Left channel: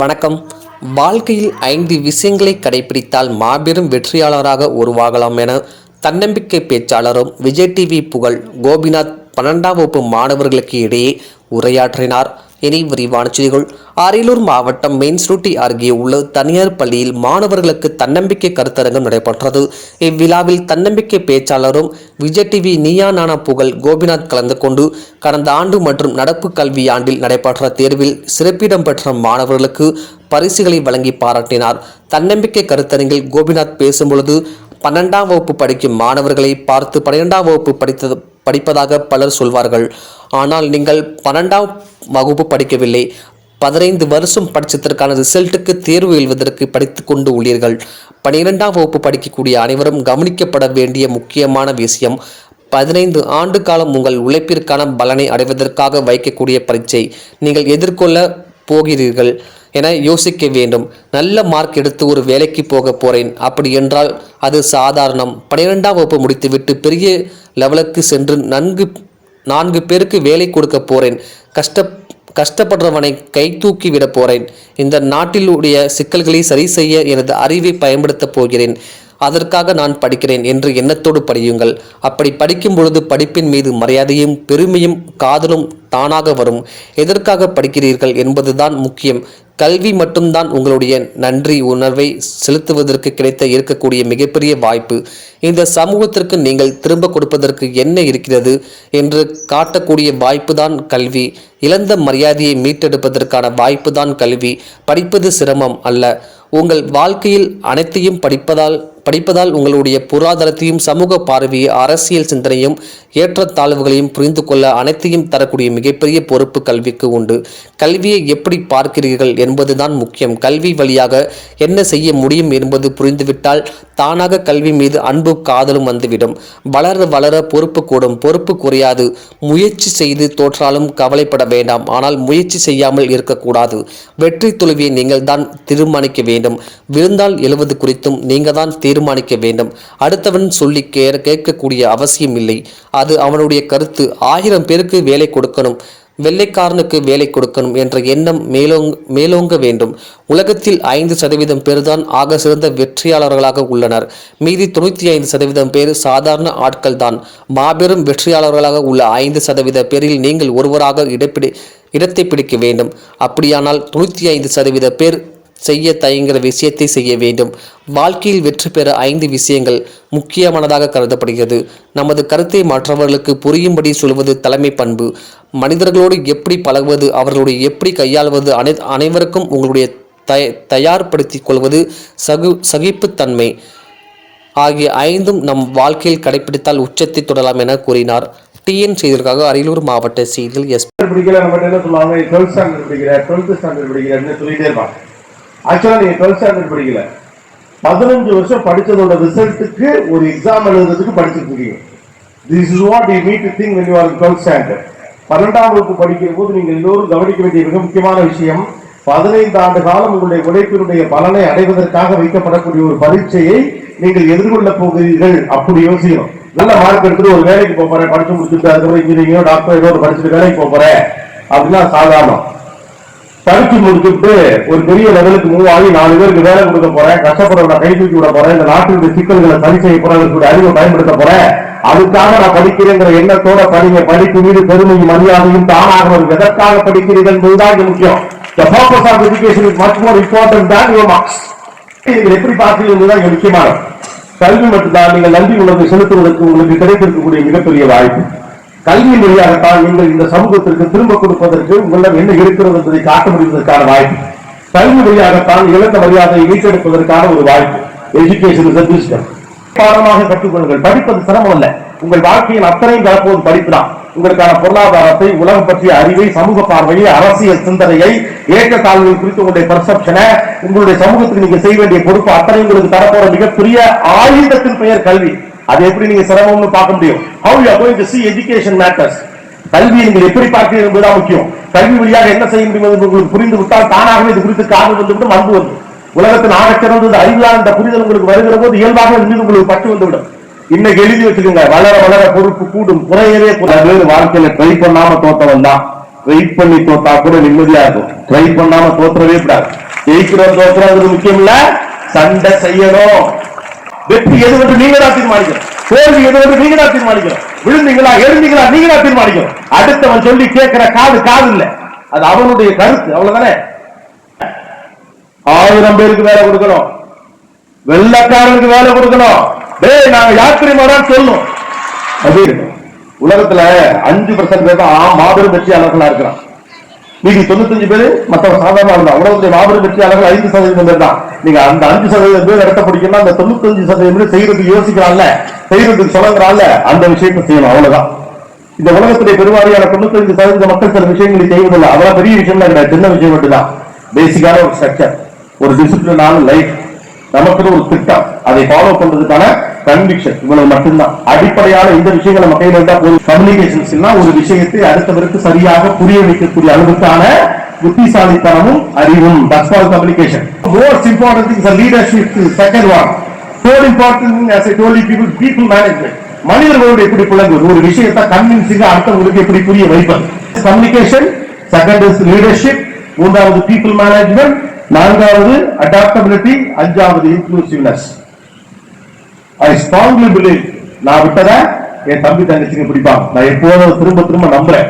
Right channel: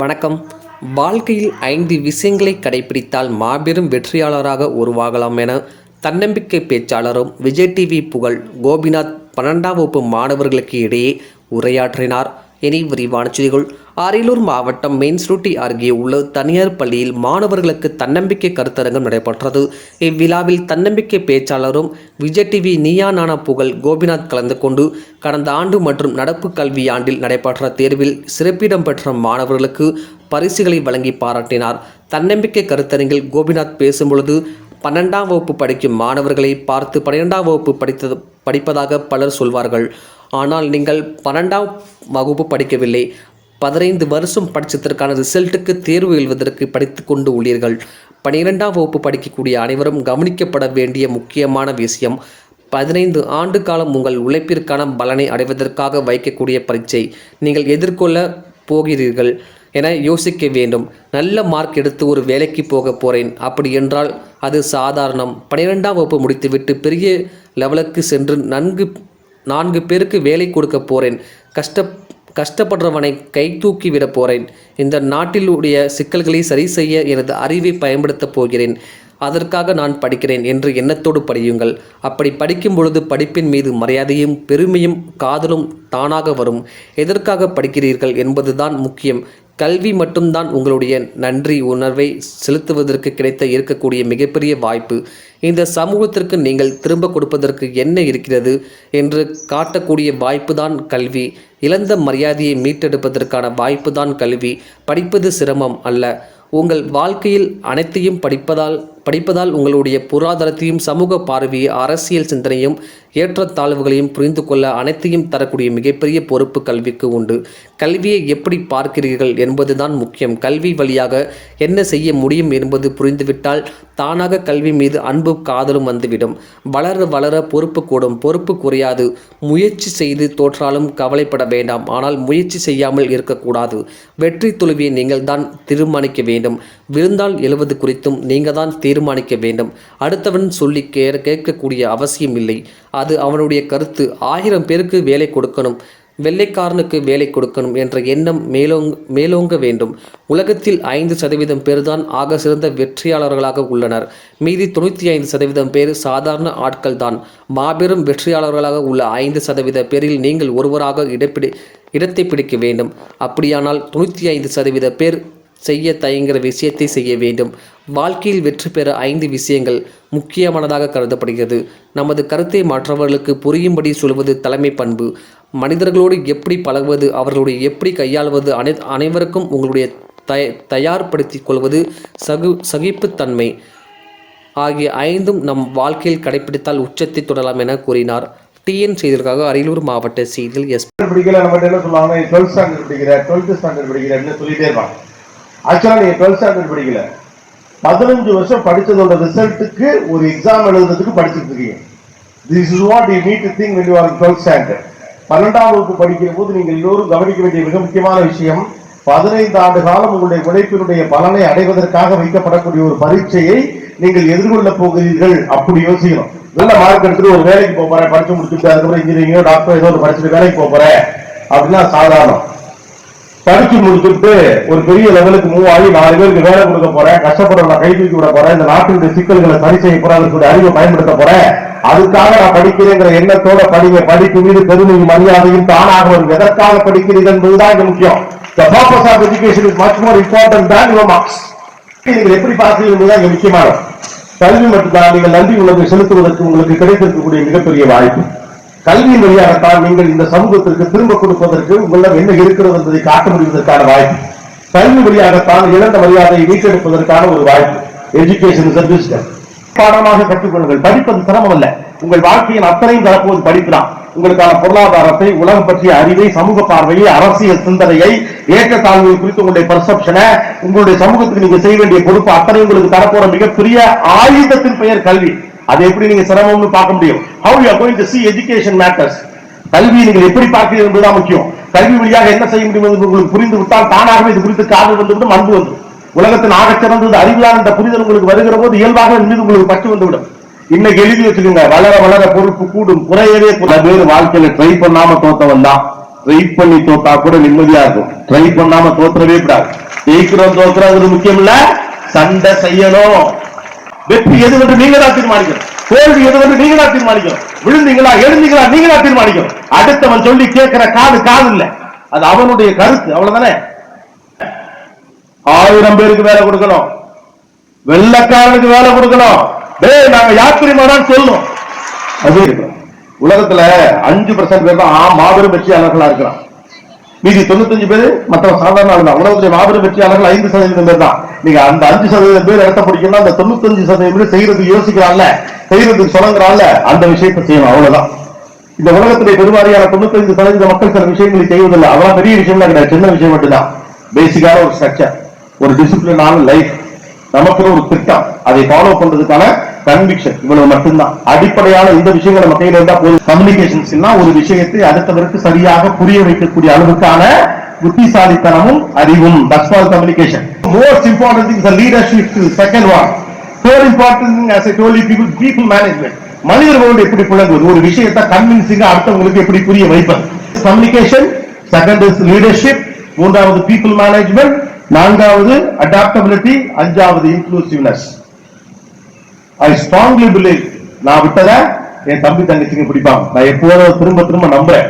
வணக்கம். வாழ்க்கையில் 5 விஷயங்களை கடைபிடித்தால் மாபெரும் வெற்றியாளராக உருவாகலாம் என தன்னம்பிக்கை பேச்சாளரும் விஜய் டிவி புகழ் கோபிநாத் 12ஆம் வகுப்பு மாணவர்களுக்கு இடையே உரையாற்றினார். இனி விரிவான செய்திகள். அரியலூர் மாவட்டம் மெயின்ஸ்ரூட்டி அருகே உள்ள தனியார் பள்ளியில் மாணவர்களுக்கு தன்னம்பிக்கை கருத்தரங்கம் நடைபெற்றது. இவ்விழாவில் தன்னம்பிக்கை பேச்சாளரும் விஜய் டிவி நீயா நானா புகழ் கோபிநாத் கலந்து கொண்டு கடந்த ஆண்டு மற்றும் நடப்பு கல்வி ஆண்டில் நடைபெற்ற தேர்வில் சிறப்பிடம் பெற்ற மாணவர்களுக்கு பரிசுகளை வழங்கி பாராட்டினார். தன்னம்பிக்கை கருத்தரங்கில் கோபிநாத் பேசும்பொழுது 12ஆம் வகுப்பு படிக்கும் மாணவர்களை பார்த்து 12ஆம் வகுப்பு படிப்பதாக பலர் சொல்வார்கள். ஆனால் நீங்கள் 12ஆம் வகுப்பு படிக்கவில்லை, 15 வருஷம் படித்ததற்கான ரிசல்ட்டுக்கு தேர்வு எழுவதற்கு படித்து கொண்டு உள்ளீர்கள். 12ஆம் வகுப்பு படிக்கக்கூடிய அனைவரும் கவனிக்கப்பட வேண்டிய முக்கியமான விஷயம், 15 ஆண்டு காலம் உங்கள் உழைப்பிற்கான பலனை அடைவதற்காக வைக்கக்கூடிய பரீட்சை நீங்கள் எதிர்கொள்ள போகிறீர்கள் என யோசிக்க வேண்டும். நல்ல மார்க் எடுத்து ஒரு வேலைக்கு போக போகிறேன், அப்படி என்றால் அது சாதாரணம். 12ஆம் வகுப்பு முடித்துவிட்டு பெரிய லெவலுக்கு சென்று 4 பேருக்கு வேலை கொடுக்க போகிறேன், கஷ்டப்படுறவனை கை தூக்கி விட போகிறேன், இந்த நாட்டிலுடைய சிக்கல்களை சரி செய்ய எனது அறிவை பயன்படுத்தப் போகிறேன், அதற்காக நான் படிக்கிறேன் என்று எண்ணத்தோடு படியுங்கள். அப்படி படிக்கும் பொழுது படிப்பின் மீது மரியாதையும் பெருமையும் காதலும் தானாக வரும். எதற்காக படிக்கிறீர்கள் என்பதுதான் முக்கியம். கல்வி மட்டும்தான் உங்களுடைய நன்றி உணர்வை செலுத்துவதற்கு இருக்கக்கூடிய மிகப்பெரிய வாய்ப்பு. இந்த சமூகத்திற்கு நீங்கள் திரும்ப கொடுப்பதற்கு என்ன இருக்கிறது என்று காட்டக்கூடிய வாய்ப்பு தான் கல்வி. இழந்த மரியாதையை மீட்டெடுப்பதற்கான வாய்ப்பு தான் கல்வி. படிப்பது சிரமம் அல்ல. உங்கள் வாழ்க்கையில் அனைத்தையும் படிப்பதால் உங்களுடைய பொருளாதாரத்தையும் சமூக பார்வையை அரசியல் சிந்தனையும் ஏற்றத்தாழ்வுகளையும் புரிந்து கொள்ள அனைத்தையும் தரக்கூடிய மிகப்பெரிய பொறுப்பு கல்விக்கு உண்டு. கல்வியை எப்படி பார்க்கிறீர்கள் என்பதுதான் முக்கியம். கல்வி வழியாக என்ன செய்ய முடியும் என்பது புரிந்துவிட்டால் தானாக கல்வி மீது அன்பு காதலும் வந்துவிடும். வளர வளர பொறுப்பு கூடும், பொறுப்பு குறையாது. முயற்சி செய்து தோற்றாலும் கவலைப்பட வேண்டாம், ஆனால் முயற்சி செய்யாமல் இருக்கக்கூடாது. வெற்றி தோல்வியை நீங்கள் தான் தீர்மானிக்க வேண்டும். விழுந்தால் எழுவது குறித்தும் நீங்கள் தான் தீர்மானிக்க வேண்டும். அடுத்தவன் சொல்லி கேட்கக்கூடிய அவசியம் இல்லை. அது அவனுடைய கருத்து. 1000 பேருக்கு வேலை கொடுக்கணும், வெள்ளைக்காரனுக்கு வேலை கொடுக்கணும் என்ற எண்ணம் மேலோங்க வேண்டும். உலகத்தில் 5% பேர் தான் ஆக சிறந்த வெற்றியாளர்களாக உள்ளனர். மீதி 95% பேர் சாதாரண ஆட்கள் தான். மாபெரும் வெற்றியாளர்களாக உள்ள 5% பேரில் நீங்கள் ஒருவராக இடத்தை பிடிக்க வேண்டும். அப்படியானால் 95% பேர் செய்ய தயங்குகிற விஷயத்தை செய்ய வேண்டும். வாழ்க்கையில் வெற்றி பெற 5 விஷயங்கள் முக்கியமானதாக கருதப்படுகிறது. நமது கருத்தை மற்றவர்களுக்கு புரியும்படி சொல்வது தலைமை பண்பு. மனிதர்களோடு எப்படி பழகுவது, அவர்களுடைய எப்படி கையாள்வது, அனைவருக்கும் உங்களுடைய தயார்படுத்திக் கொள்வது, சகிப்புத்தன்மை ஆகிய 5ம் நம் வாழ்க்கையில் கடைபிடித்தால் உச்சத்தை தொடரலாம் என கூறினார். டிஎன் செய்திகளுக்காக அரியலூர் மாவட்ட செய்திகள் எஸ். ஆக்சுவலா நீங்க 12th ஸ்டாண்டர்ட் படிக்கல, 15 வருஷம் படிச்சதோட ரிசல்ட்டுக்கு ஒரு எக்ஸாம் எழுதுறதுக்கு படிச்சுட்டு இருக்கீங்க. This is what you need to think when you are in 12th standard. 12ஆம் வகுப்பு படிக்கிற போது நீங்கள் எல்லோரும் கவனிக்க வேண்டிய மிக முக்கியமான விஷயம், 15 ஆண்டு காலம் உங்களுடைய உழைப்பினுடைய பலனை அடைவதற்காக வைக்கப்படக்கூடிய ஒரு பரீட்சையை நீங்கள் எதிர்கொள்ள போகிறீர்கள். அப்படி யோசிக்கணும். நல்ல மார்க் எடுத்துட்டு ஒரு வேலைக்கு போறேன், படிச்சு முடிச்சுட்டு அதுக்கப்புறம் இன்ஜினியரிங்கோ டாக்டர் ஏதோ படிச்சுட்டு வேலைக்கு போறேன் அப்படின்னா சாதாரணம். படிச்சு முடிச்சுட்டு ஒரு பெரிய லெவலுக்கு மூவ் ஆகி 4 பேருக்கு வேலை கொடுக்க போறேன், கஷ்டப்படுற கை தூக்கி விட போறேன், இந்த நாட்டினுடைய சிக்கல்களை சரி செய்ய போறேன், அறிவை பயன்படுத்த போறேன், அதுக்காக நான் படிக்கிறேங்கிற எண்ணத்தோட படிங்க. படிப்பு மீது பெருமையும் மரியாதையும் தானாக வரும். எதற்காக படிக்கிறீர்கள் என்பதுதான் முக்கியம். The purpose of education is much more important than your marks. நீங்கள் எப்படி பார்க்கிறீர்கள் என்பதுதான் முக்கியமானது. கல்வி மட்டும்தான் நீங்கள் நன்றி உணர்வை செலுத்துவதற்கு உங்களுக்கு கிடைத்திருக்கக்கூடிய மிகப்பெரிய வாய்ப்பு. கல்வியின் வழியாகத்தான் நீங்கள் இந்த சமூகத்திற்கு திரும்ப கொடுப்பதற்கு உங்களிடம் என்ன இருக்கிறது என்பதை காட்ட முடிவதற்கான வாய்ப்பு. கல்வி வழியாகத்தான் இழந்த மரியாதையை மீட்டெடுப்பதற்கான ஒரு வாய்ப்பு. Education is a wisdom. பாடமாக கற்றுக்கொள்ளுங்கள். படிப்பது சிரமம் அல்ல. உங்கள் வாழ்க்கையின் அத்தனையும் தரப்போது படிக்கலாம். உங்களுக்கான பொருளாதாரத்தை, உலகம் பற்றிய அறிவை, சமூக பார்வையை, அரசியல் சிந்தனையை, ஏற்றத்தாழ்வுகள் குறித்து உங்களுடைய பெர்செப்ஷனை, உங்களுடைய சமூகத்துக்கு நீங்க செய்ய வேண்டிய பொறுப்பு அத்தனை உங்களுக்கு தரப்போற மிகப்பெரிய ஆயுதத்தின் பெயர் கல்வி. அது எப்படி நீங்க சிரமம்னு பார்க்க முடியும். How you are going to see education matters. கல்வியை நீங்கள் எப்படி பார்க்கிறீர்கள் என்பதுதான் முக்கியம். கல்வி வழியாக என்ன செய்ய முடியும் என்று உங்களுக்கு புரிந்து விட்டால் தானாகவே இது குறித்து காதல் வந்துவிட்டு அன்பு வந்து உலகத்தில் ஆகச்சிறந்தது அறிவியல் என்ற புரிதல் உங்களுக்கு வருகிற போது இயல்பாக மீது உங்களுக்கு பற்றி வந்துவிடும். இன்னைக்கு எழுதி வச்சுக்கோங்க, வளர வளர பொறுப்பு கூடும், குறையவே பேர் வாழ்க்கையில ட்ரை பண்ணாம தோத்தவன் தான். ட்ரை பண்ணி தோத்தா கூட நிம்மதியா இருக்கும். ட்ரை பண்ணாம தோற்றவே கூடாது. ஜெயிக்கிறோம் தோற்றது முக்கியம் இல்ல, சண்டை செய்யணும். வெற்றி எது என்று நீங்க தான் தீர்மானிக்கணும். தோல்வி எது என்று நீங்க தான் தீர்மானிக்கணும். விழுந்தீங்களா எழுந்தீங்களா நீங்க தான் தீர்மானிக்கணும். அடுத்தவன் சொல்லி கேட்கிற காது இல்ல, அது அவனுடைய கருத்து, அவ்வளவுதானே. 1000 பேருக்கு வேலை கொடுக்கணும், வெள்ளக்காரனுக்கு வேலை கொடுக்கணும். நாங்க யாத்திரிமாதான் சொல்லணும். அது உலகத்துல 5% பேர் தான் மாபெரும் வெற்றியாளர்களா இருக்கிறோம். மீதி 95 பேரு மற்ற சாதாரண ஆளுதான். உலகத்துடைய மாபெரும் வெற்றியாளர்கள் 5% பேர் தான். நீங்க அந்த 5% பேர் இடத்த பிடிக்கணும். அந்த 95% பேர் செய்யறதுக்கு யோசிக்கிறான்ல, செய்யறதுக்கு சொல்லுங்கிறான்ல, அந்த விஷயத்தை செய்யணும், அவ்வளவுதான். இந்த உலகத்துடைய பெருவாரியான 95% மக்கள் சில விஷயங்களை செய்வதில்லை. அவ்வளவு பெரிய விஷயம் கிடையாது, சின்ன விஷயம் மட்டும்தான். பேசிக்கான ஒரு ஸ்ட்ரக்சர், ஒரு டிசிப்ளினான லைஃப், நமக்கு ஒரு திட்டம், அதை ஃபாலோ பண்றதுக்கான கன்விக்ஷன், இவ்வளவு மட்டும்தான். அடிப்படையான இந்த விஷயங்கள் நம்ம கையில இருந்தா போதும். கம்யூனிகேஷன்ஸ் ஒரு விஷயத்தை அடுத்தவருக்கு சரியாக புரிய வைக்கக்கூடிய அளவுக்கான புத்திசாலித்தனமும் அறிவும். That's all communication. Most important thing is the leadership. Second one. Third important thing, as I told you, people management. மனிதர்களோடு எப்படி புலங்குவது, ஒரு விஷயத்தை கன்வின்சிங்கா அடுத்தவங்களுக்கு எப்படி புரிய வைப்பது. கம்யூனிகேஷன், செகண்ட் இஸ் லீடர்ஷிப், மூன்றாவது பீப்புள் மேனேஜ்மெண்ட், நான்காவது அடாப்டபிலிட்டி, அஞ்சாவது இன்க்ளூசிவ்னஸ். I strongly believe, நான் விட்டத என் தம்பி தங்கச்சிக்கு பிடிப்பாங்க. நான் எப்போதும் திரும்ப நம்புறேன்.